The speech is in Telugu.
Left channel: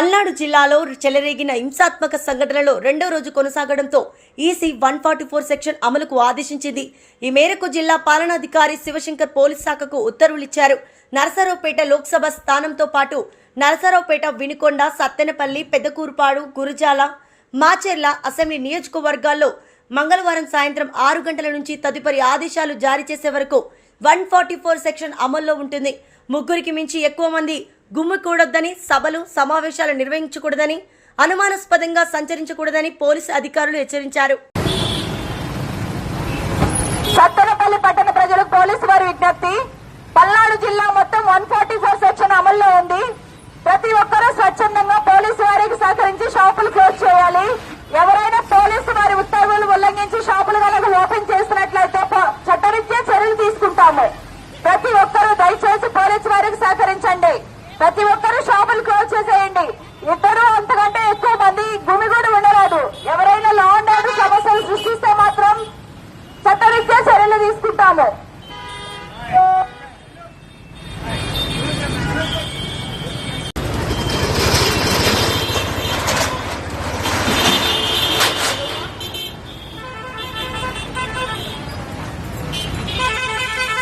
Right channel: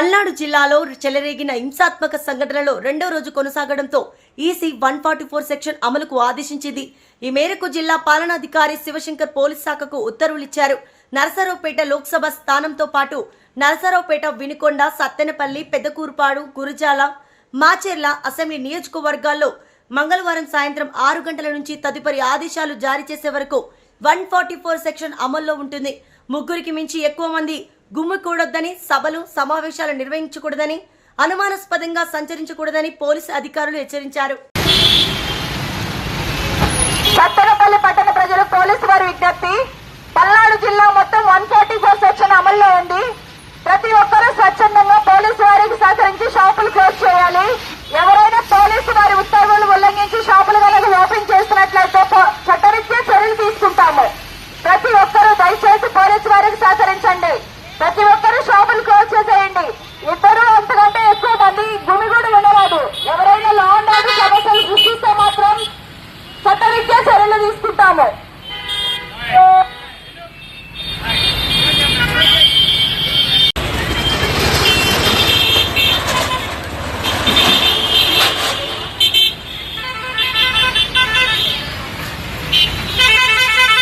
పల్నాడు జిల్లాలో చెలరేగిన హింసాత్మక సంఘటనలో రెండో రోజు కొనసాగడంతో ఈసీ 144 సెక్షన్ అమలుకు ఆదేశించింది. ఈ మేరకు జిల్లా పాలనాధికారి శివశంకర్ పోలీస్ శాఖకు ఉత్తర్వులిచ్చారు. నరసరావుపేట లోక్సభ స్థానంతో పాటు నరసరావుపేట, వినుకొండ, సత్తెనపల్లి, పెద్దకూరుపాడు, గురజాల, మాచెర్ల అసెంబ్లీ నియోజకవర్గాల్లో మంగళవారం సాయంత్రం 6 గంటల నుంచి తదుపరి ఆదేశాలు జారీ చేసే వరకు 144 సెక్షన్ అమల్లో ఉంటుంది. ముగ్గురికి మించి ఎక్కువ మంది గుమ్మికూడొద్దని, సభలు సమావేశాలు నిర్వహించకూడదని, అనుమానాస్పదంగా సంచరించకూడదని పోలీసు అధికారులు హెచ్చరించారు. సత్తెనపల్లి పట్టణ ప్రజలు పోలీసు వారి విజ్ఞప్తి, పల్నాడు జిల్లా మొత్తం 144 సెక్షన్ అమల్లో ఉంది. ప్రతి ఒక్కరూ స్వచ్ఛందంగా పోలీసు వారికి సహకరించి షాపులు క్లోజ్ చేయాలి. ఎవరైనా పోలీసు వారి ఉత్తర్వులు ఉల్లంఘించి షాపులు కనుక ఓపెన్ చేసినట్లయితే చట్టరీత్యా చర్యలు తీసుకుంటాము. ప్రతి ఒక్కరూ దయచేసి పోలీసు వారికి సహకరించండి. ప్రతి ఒక్కరూ షాపులు క్లోజ్ చేసేయండి. ఇద్దరు అంతకంటే ఎక్కువ మంది గుమిగూడి ఉండరాదు. ఎవరైనా లా అండ్ ఆర్డర్ సమస్యలు సృష్టిస్తే మాత్రం చట్టరీత్యా చర్యలు తీసుకుంటాము.